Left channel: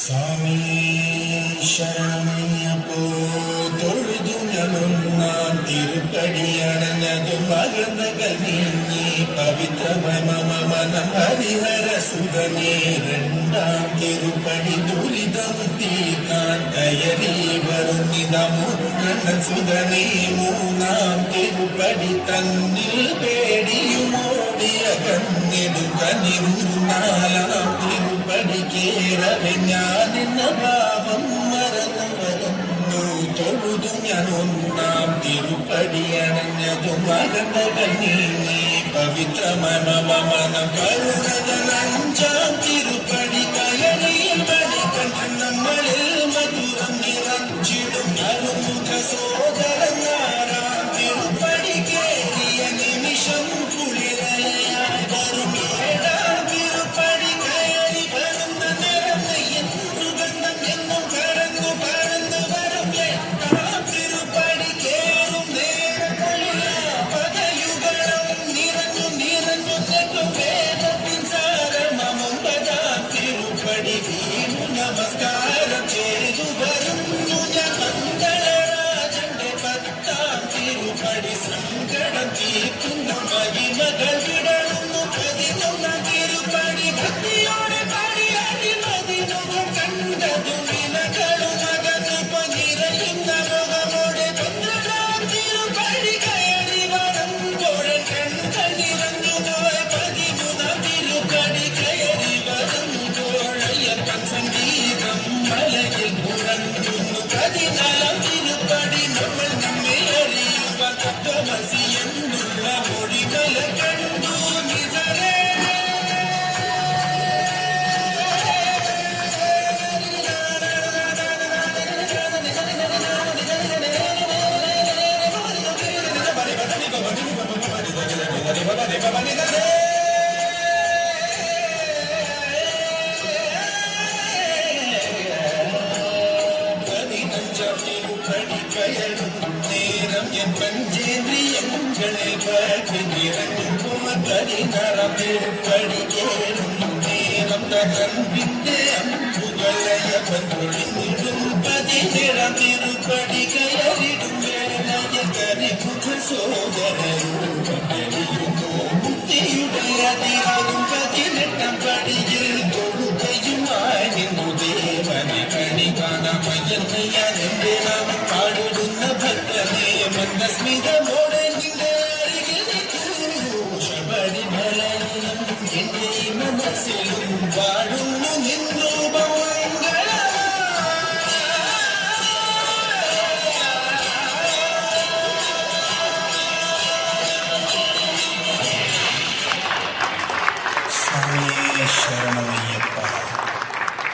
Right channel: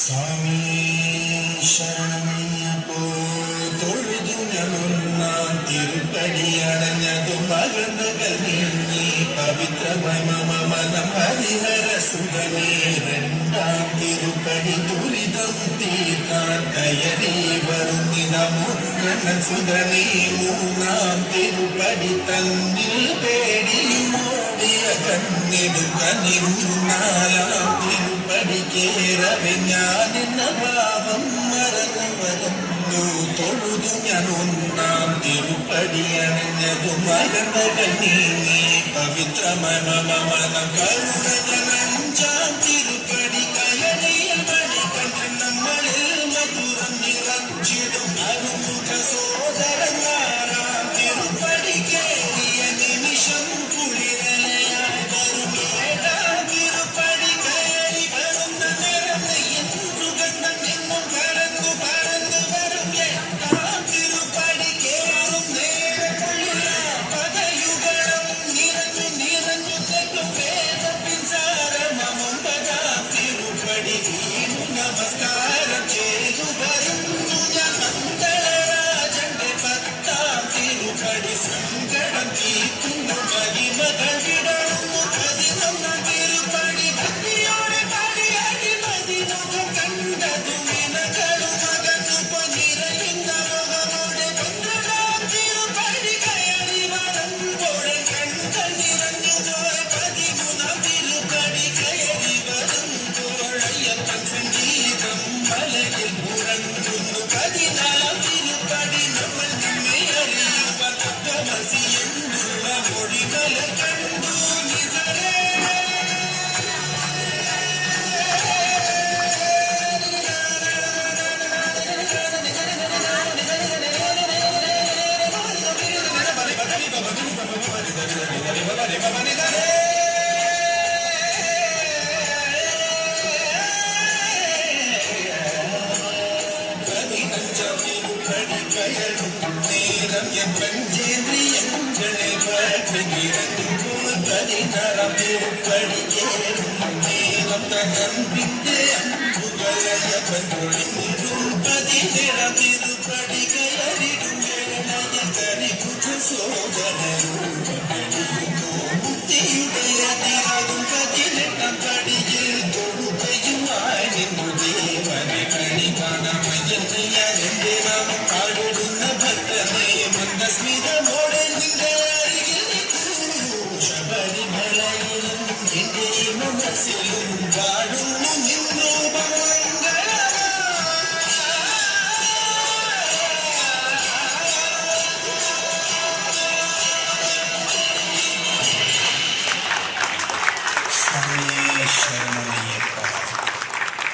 സ്വാമി ശരണമയ്യപ്പോ തൊഴുതു ഞാനൊന്നാം തിരുപ്പടിയണഞ്ഞതു മകനകൾ നീങ്ങി പവിത്രമനം ഹരിഹര സുഖമേ രണ്ടാം തിരുപ്പടി ദുരിതം തീർക്കാൻ കയറി വരുന്നിത മുന്നണ സുഖമേ മൂന്നാം തിരുപ്പടി തന്നിൽ പേടിയുമോടിയ കണ്ണിത് കനിരുന്നാലാം പഠിക്കേറവെ ഞാനെന്ന ഭാവം മറന്നു മറന്നു തൊഴുതു ഞാൻ ഒന്നാം തിരുപ്പടിയണഞ്ഞതു മകനകൾ നീങ്ങി പവിത്രമനം കഴുകതലഞ്ചാം തിരുപ്പടി കയറി കളിക്കൻ നമ്മളിൽ മധുരം നിറച്ചിടും അറുമുഖ സോദരന്മാരാം തിരുപ്പടി കേറിയ നിമിഷം കുളിരലയാൽ വരുമേടാം തിരുപ്പടി നമസ്കാരം ചെയ്തു വരുന്നു മംഗളരാജന്റെ പത്താം തിരുപ്പടി സങ്കടം തീർക്കുന്നു മഹിമകൾ വിടരുന്നു പതിനൊന്നാം തിരുപ്പടി ഭക്തിയോടെ പാടിയാടി മതിമുഖം കണ്ടതു വിലകളും അകത്ത് പൊന്നിരയുന്ന മുഖമോടെ പന്ത്രണ്ടാം തിരുപ്പടി കയറി വരുമ്പോൾ കണ്ണുകൾ നിറഞ്ഞു പോയ പതിമൂന്നാം തിരുപ്പടി കയറി വരുമ്പോൾ അയ്യപ്പൻ സംഗീതം മലയിൽ ഉറങ്ങുന്നു പതിനാലാം തിരുപ്പടി നമ്മൾ നമ്മെ അറിയുക തത്വമസിയെന്നുള്ള മൊഴിമല കണ്ടു നിസരേ നേരം പഞ്ചേന്ദ്രിയങ്ങളെ നിറഞ്ഞു പതിനാറാം തിരുപ്പടി കേറും നേരം കമ്പിന്റെ അമ്പുകളയ പതിനേഴാം തിരുപ്പടി കയറിടും കരിമുഖ സോദരൂപയുടെ അധികം പതിനെട്ടാം പടിയിൽ തൊഴുകയുമായി നിന്നു ദേവനെ കണി കാണമയന്റെ നാമം പാടുന്ന ഭക്തനെ മന്ദസ്മിതമോടെ നിന്റെ അരികിൽ ശബരിമലയിലും എന്റെ മനസ്സിലും പാടുന്നു നിന്നൂപമംഗള ശരണമയ്യപ്പ.